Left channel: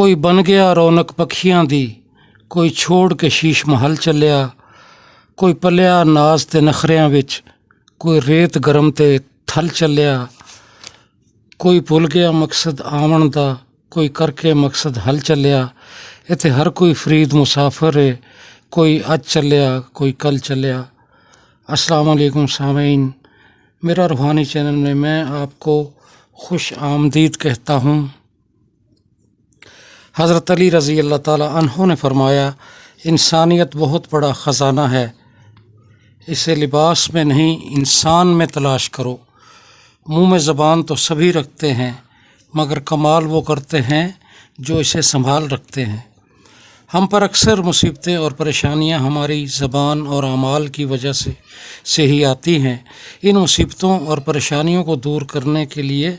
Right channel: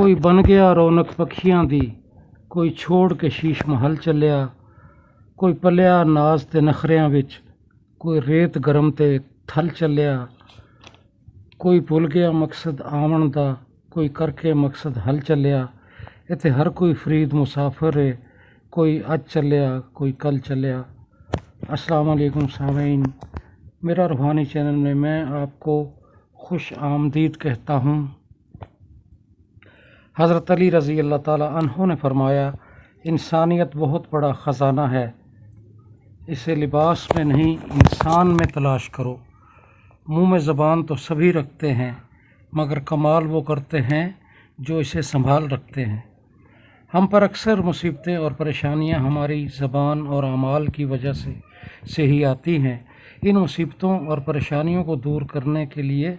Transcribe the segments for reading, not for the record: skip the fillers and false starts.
कोई बन गया रौनक पखियां दी, कोई छोड़ के शीश महल चलिया, कोई पलिया नाज ते नखरियां विच, कोई रेत गरम ते थल चलिया, कोई भुल गया मकसद आवन दा, कोई करके मकसद हल चलिया। इत्थे हर कोई फरीद मुसाफिर है, कोई अज चलिया कोई कल चलिया। अस्सलाम वालेकुम सामीन, मेरा रूहानी चैनल में मैं आपको खुश आमदीद कहता हूँ। हज़रत अली रज़ी अल्लाह ताला अन्हु ने फरमाया, इंसानियत बहुत बड़ा ख़जाना है, इसे लिबास में नहीं इंसान में तलाश करो। मुँह में ज़बान तो सभी रखते हैं, मगर कमाल वो करते हैं जो इसे संभाल रखते हैं। हम पर अक्सर मुसीबतें और परेशानियां हमारी ज़बान और अमाल की वजह से ही आती हैं। इन मुसीबतों और परेशानियों को दूर करने के लिए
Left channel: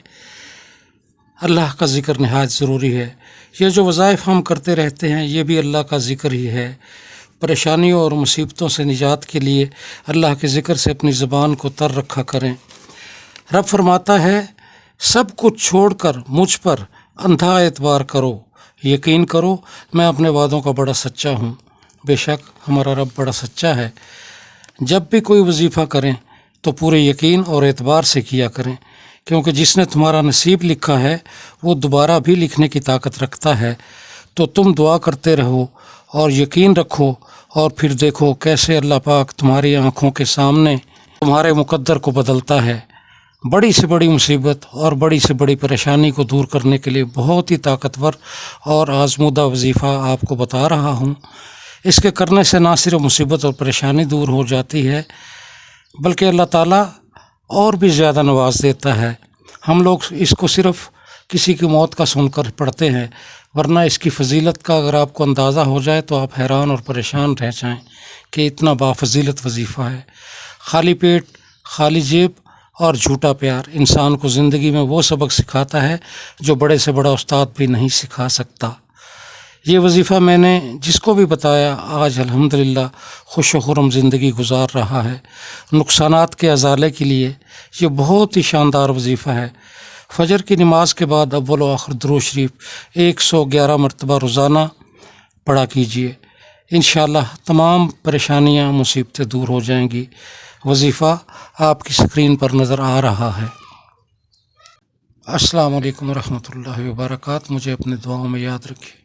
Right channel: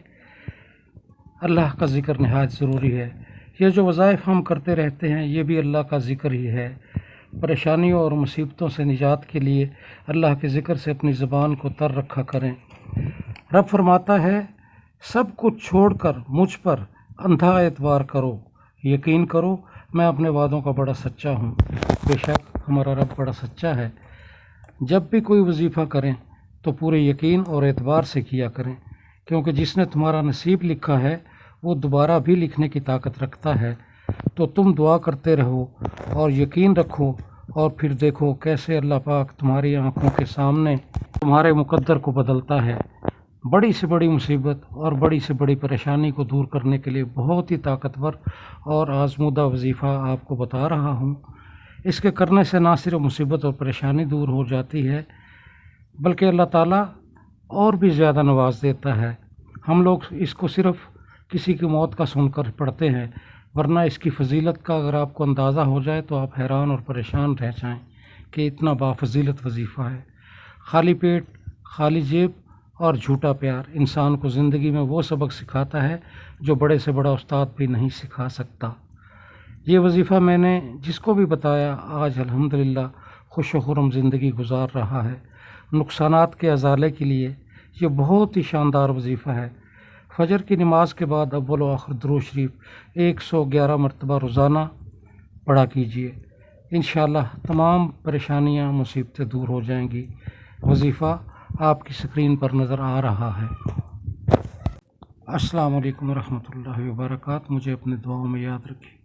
अल्लाह का ज़िक्र नहायत ज़रूरी है। ये जो वज़ाइफ हम करते रहते हैं ये भी अल्लाह का ज़िक्र ही है। परेशानियों और मुसीबतों से निजात के लिए अल्लाह के ज़िक्र से अपनी ज़बान को तर रखा करें। रब फरमाता है, सब कुछ छोड़कर मुझ पर अंधा एतबार करो, यकीन करो मैं अपने वादों का बड़ा सच्चा हूँ। बेशक हमारा रब बड़ा सच्चा है। जब भी कोई वजीफ़ा करें तो पूरे यकीन और एतबार से किया करें, क्योंकि जिसने तुम्हारा नसीब लिखा है वो दोबारा भी लिखने की ताकत रखता है। तो तुम दुआ करते रहो और यकीन रखो, और फिर देखो कैसे अल्लाह पाक तुम्हारी आँखों के सामने तुम्हारे मुकद्दर को बदलता है। बड़ी से बड़ी मुसीबत और बड़ी से बड़ी परेशानी को दूर करने के लिए बहुत ही ताकतवर और आज़मूदा वजीफ़ा आपको बता रहा हूँ। इसके करने से ना सिर्फ मुसीबत और परेशानी दूर हो जाती है, बल्कि अल्लाह ताला और भी ज़्यादा नवाज देता है। हम लोग इसको सिर्फ़ किसी की मौत का सुनकर पढ़ते हैं, वरना इसकी फ़जीलत का अगर आपको अंदाज़ा हो जाए तो आप हैरान और परेशान रह जाएं कि इतना बाफ़जीलत वजीफ़ा है। खाली पेट, खाली जेब और झूठा प्यार इंसान को ज़िंदगी में वो सबक सिखाता है जो बड़े से बड़ा उस्ताद भी नहीं सिखा सकता। ये वजीफ़ा मैंने जिसको भी बताया आज अल्हम्दुलिल्लाह खुश व खुर्रम ज़िंदगी गुजार रहा है। नुकसानात के अज़ाले के लिए ये बहुत ही शानदार वजीफ़ा है। फ़जर की नमाज के बाद अव्वल व आखिर दुरूद शरीफ 111 मरतबा रोज़ाना पढ़ा कीजिए। इंशाअल्लाह तमाम परेशानियाँ मुसीबतें दूर हो जाएंगी। वजीफ़ा आपकी स्क्रीन पर नज़र आ रहा है। अस्सलाम वालेकुम रहमतुल्लाहि व बरकातहू। मुझे अपने दुआओं में याद रखिए।